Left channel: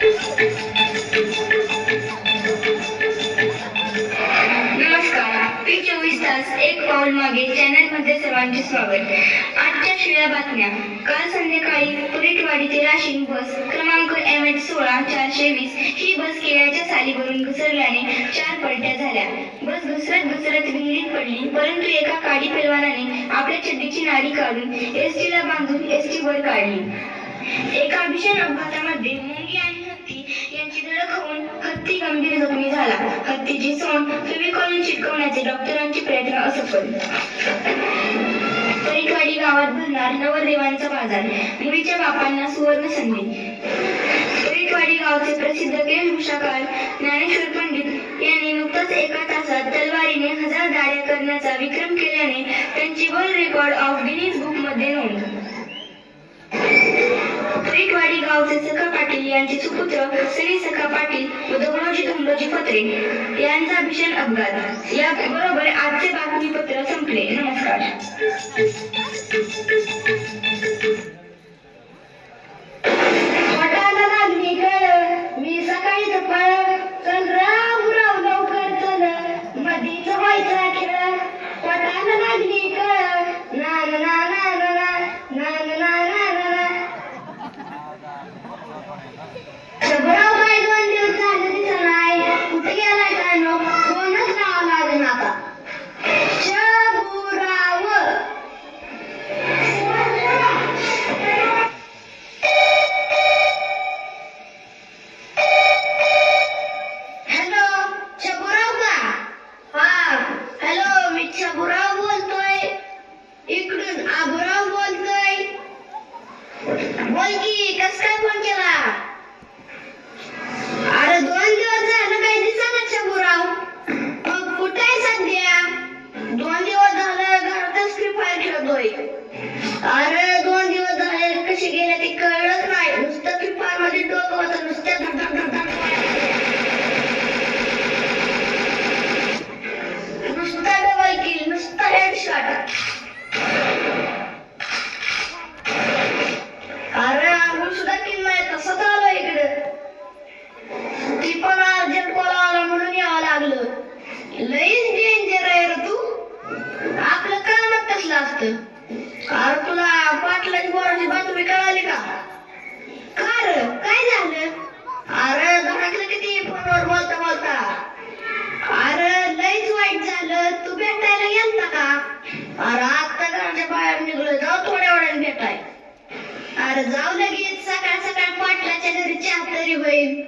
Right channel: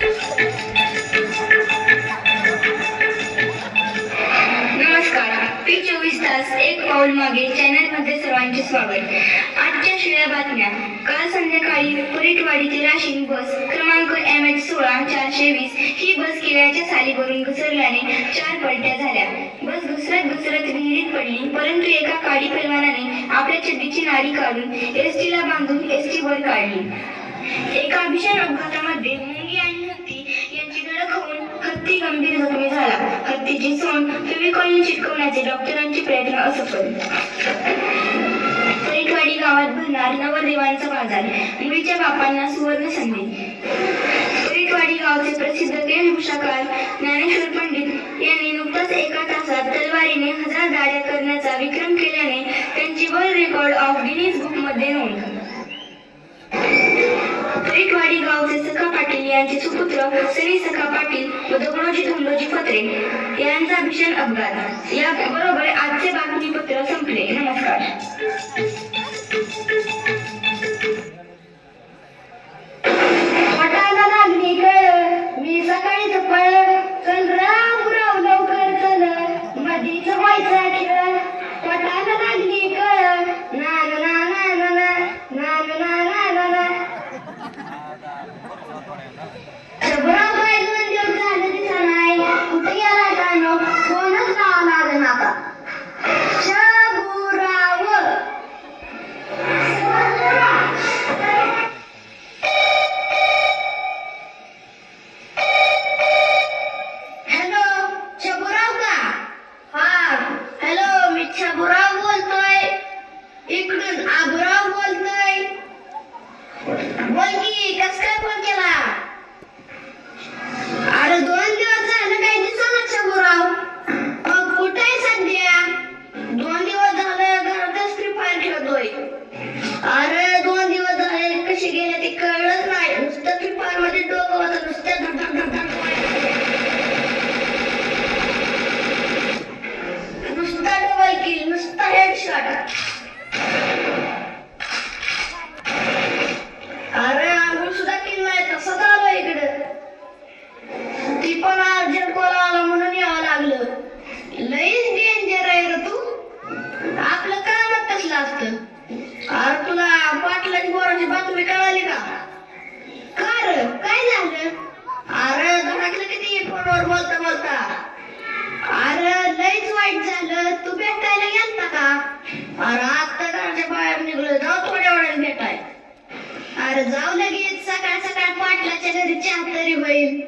नमस्कार पी चोवीस तास एक पाऊल मागे चॅनलमध्ये सर्वांचे स्वागत. आजच्या शिळ्या बातम्या. काल संध्याकाळी पुरीटवाडीतील राशीन बस क्रमांक एम एच सोळा चारशे वीस ही बस केळ्याच्या सालीवरून घुसरल्याने चार पलट्या झाल्या. बस घसरत घसरत विहिरीत पडली परंतु एका काडी पैलवानाने आपल्या चड्डीची नाडी काढून एस टीला बांधून एस टी वर काढली. एका भीषण अपघातामध्ये गंभीर जखमी झाला. हत्तीची सोंड फेविकॉलने चिटकवण्याचे डॉक्टरांचे प्रयत्न असफल तरीकवाडी गावात भरणार नवदेवांचा बाजार. मुलीच्या बापांना सुवर्ण संधी. तरीकवाडी गावचे प्रसिद्ध वेशभूषाकार ज्ञानेश्वर पंडित यांनी नुकताच एका तासात तलवारीने हजार दाड्या करण्याचा विक्रम केल्याने त्यांची वर्ल्ड रेकॉर्ड ऑफ गिनीज बुकमध्ये नोंद. तरीकवाडी गावचे सखा यांचे सुपुत्र श्री सखा पाटील व दगडोजी धोंडोजी फत्रे यांचा भीषण अपघात. या बरोबर आजचे बातमीपत्र संपले. नमस्कार. बोल की कस काय फोन केला जाऊ लगेच. सकाळ सकाळ पाटलाच्या घरी चहा तरी होईल.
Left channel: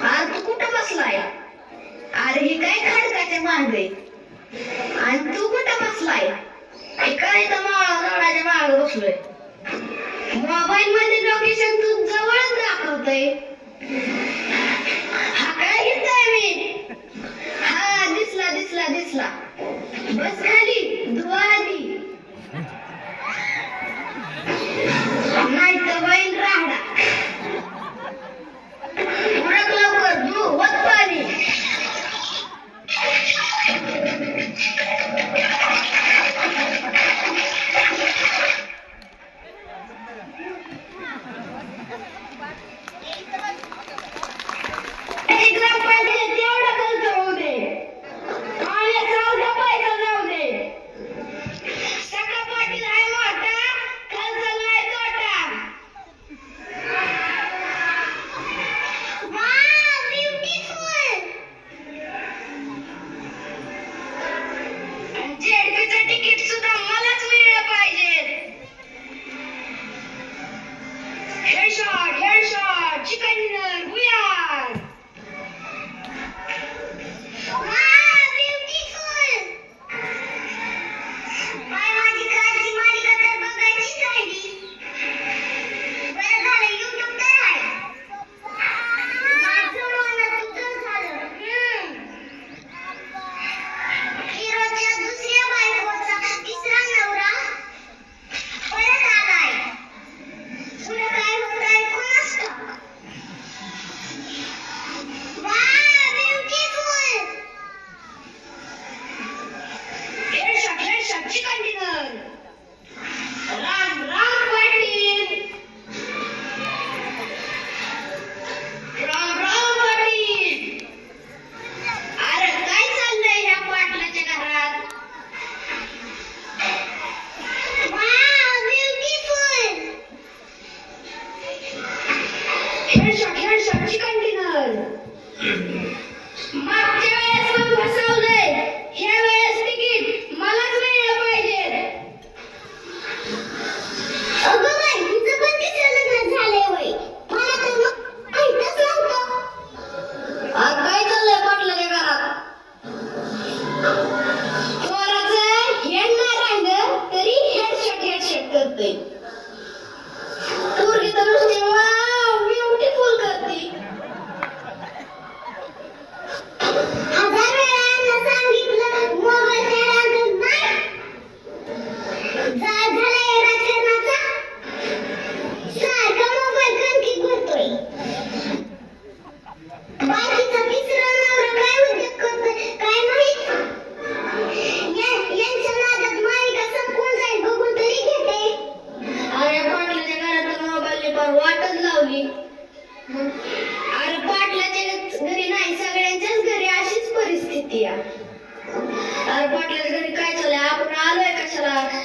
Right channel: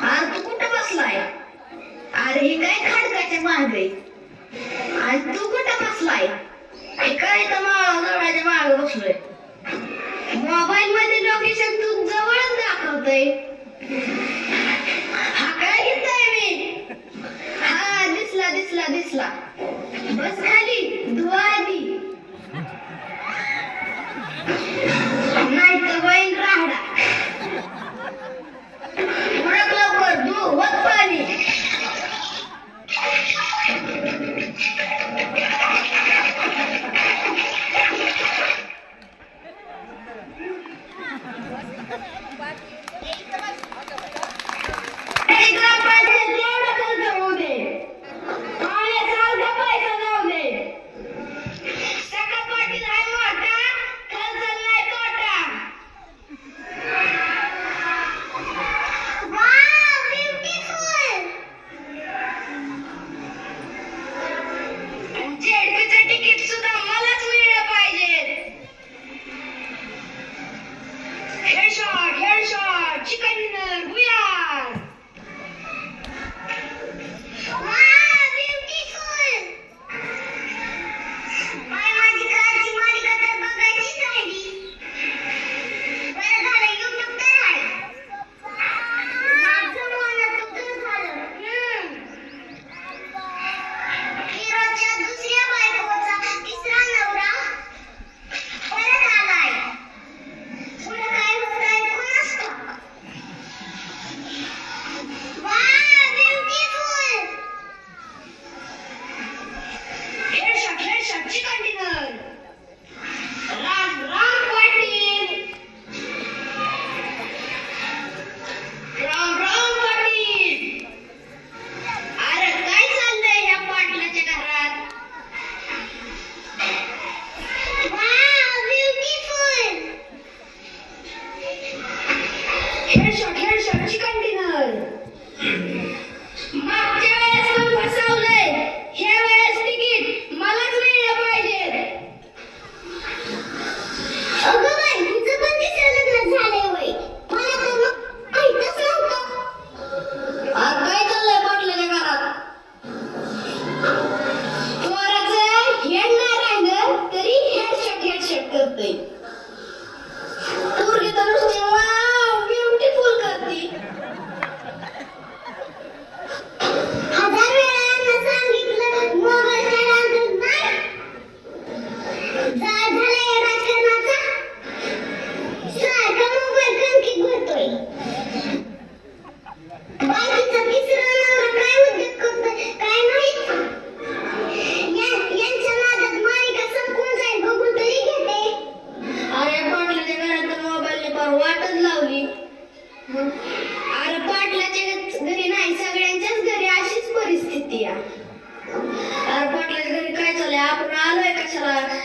अरे तू कुठं बसलाय? अरे ही काय खडकाच्या मागे? आणि तू कुठं बसलाय? काय तर माळा झाडाच्या मागे बसलोय? मोबाईल मध्ये लोकेशन तू जवळच दाखवतय. हा काय घेतोय मी? हा दिसला दिसला दिसला. बस खाली. Yeah. किती आहे घरी आपण आलोय कशाला?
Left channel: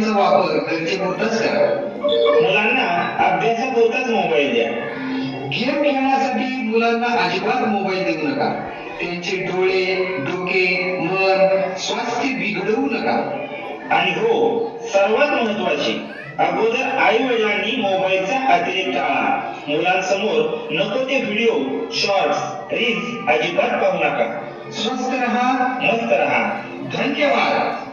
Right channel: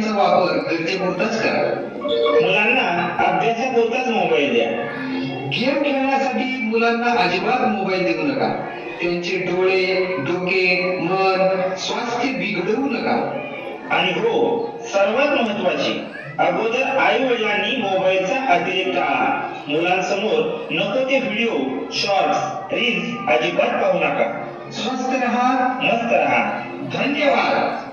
मोबाईलचा वापर गरजे पुरताच करा. मुलांना अभ्यासा पुरताच मोबाईल द्या. गेम खेळण्यासाठी मुलांना अजिबात मोबाईल देऊ नका. त्यांचे डोळे डोके मन स्वास्थ्य बिघडवू नका. आणि हो सर्वात महत्वाची अगोदर आई वडिलांनी मोबाईलचा अतिरेक टाळा मुलांसमोर नको ते व्हिडिओ शॉर्ट्स रील्स अजिबात पाहू नका. स्वस्त रहा मस्त रहा. धन्यवाद.